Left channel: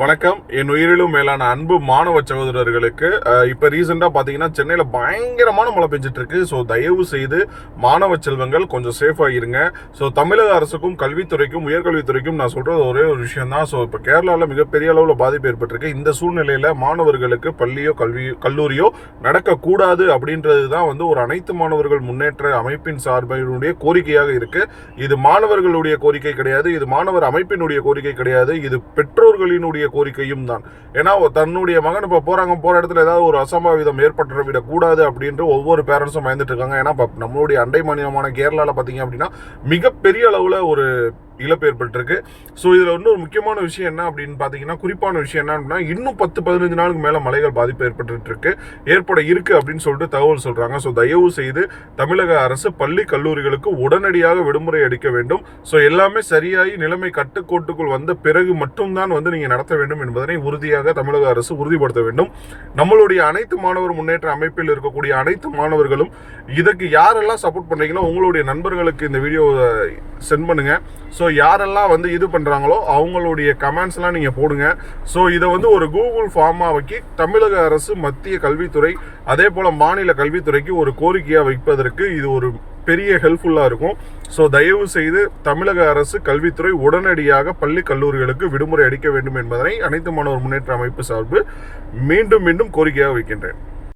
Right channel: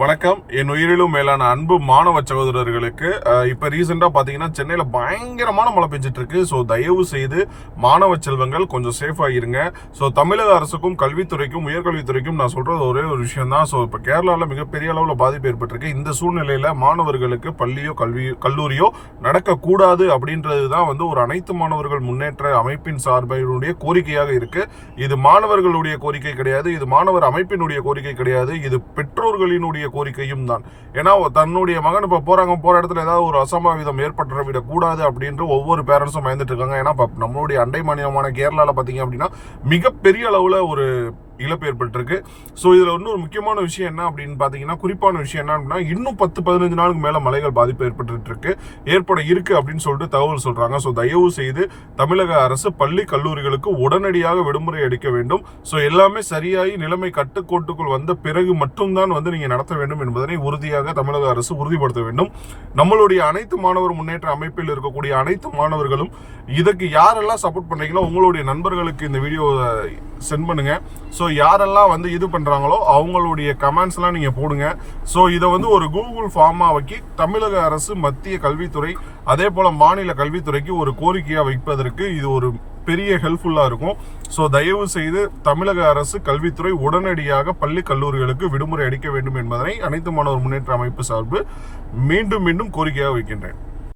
வணக்கம். என் உயிரிலும் மேலான அன்பு மாணவ சகோதரர்களுக்கு இப்போ ரீசெண்டாக பார்த்தீங்கன்னா சென்னையில் பயங்கரமான மழை பெஞ்சிட்டு இருக்கு ஸோ தயவு செய்து மாணவ செல்வங்கள் கொஞ்சம் சேஃபாக இருங்க. ஸோ தமிழக அரசுக்கும் கல்வித்துறைக்கும் உயர்கல்வித்துறைக்கும் நான் சொல்கிறது ஒரே ஒரு விஷயம் தான் ஸோ இப்போ கேரளாவில் மிகப்பெரிய அளவில் பாதிப்பு ஏற்பட்டிருக்கு. இந்த சூழ்நிலையில் மாணவர்களுக்கு பள்ளியோ கல்வி கல்லூரியோ நடக்கக்கூடாது அப்படின்றது தான் வந்து ஒரு அனைத்து மாணவர்கள் முன்னேற்ற அமைப்பின் சார்பினுடைய கோரிக்கையாக இருக்கு. இது மாணவர்களுடைய கோரிக்கை கிடையாது. இது மாணவர் அமைப்பினுடைய கோரிக்கை கிடையாது. இது பெற்றோர்களினுடைய கோரிக்கையும் தான். ஏன்னா தன்னுடைய மகன் இப்போ போகிறாங்க போகிற இடத்துல ஏதாவது ஒரு அசம்பாவிதம் ஏற்பட்டு விடக்கூடாது அப்படின்ட்டு ஒவ்வொரு பேரண்ட்ஸும் பயந்துட்டு இருக்காங்க. ஏன்னா நம்மளுடைய அண்டை மாநிலமான கேரளாவில் பார்த்தீங்க அப்படின்னா மிகப்பெரிய அளவில் ஒரு இழப்பு ஏற்பட்டிருக்கு ஸோ இதில் இன்னொரு முக்கியமான விஷயம் என்ன அப்படின்னு பார்த்தீங்கன்னா குறிப்பான விஷயம் என்ன அப்படின்னா இன்னும் பத்து பதினஞ்சு நாளுக்கு மேலே மலைகள் பாதிப்பு ஏற்பட்டு இருக்கு ஏற்பட இருக்கு அப்படின்னு சொல்லிட்டு தகவல் சொல்றாங்க. ஸோ தயவு செய்து தமிழக அரசு பள்ளி கல்லூரிகளுக்கு உடனடியாக விடுமுறை அளிக்க வேண்டும். ஸோ எல்லாமே சரியாகி நிலைமை கட்டுக்கோட்டுக்குள் வந்த பிறகு மட்டும்தான் வந்து நீங்கள் நடத்த வேண்டும் என்பதனை உறுதியாக தமிழக அரசு உறுதிப்படுத்த வேண்டும். நம்மளுடைய அனைத்து மாணவர் முன்னேற்ற அமைப்பில் இருக்கக்கூடிய அனைத்து மாணவர்களும் இதற்கு யாரெல்லாம் சப்போர்ட் பண்றீங்களோ உங்களுடைய நண்பர்களுக்கு இந்த வீடியோ சென்ட் பண்ணுங்க. ஸோ யாரெல்லாம் வந்து இது பண்ணுறாங்களோ அவங்களுடைய கமெண்ட்ஸ்லாம் நீங்கள் போடுங்க. ஸோ இதை வந்து ஒரு கூகுள் ஃபார்மாக வைக்கி தமிழக அரசு மத்திய கல்வித்துறை அதே போல் மாநில கல்வித்துறைக்கு ஒரு கோரிக்கையாக வைப்பதற்கு இது ஒரு பெரிய ஹெல்ப்ஃபுல்லாக இருக்கும். ஸோ தயவு செய்து தமிழக அரசு கல்வித்துறை உடனடியாக பள்ளி கல்லூரிகளுக்கு விடுமுறை அளிக்க வேண்டும் என்பதனை அனைத்து மாணவர் முன்னேற்ற அமைப்பு சார்பு மீண்டும் மீண்டும் கோரிக்கையாக வைக்கின்றேன்.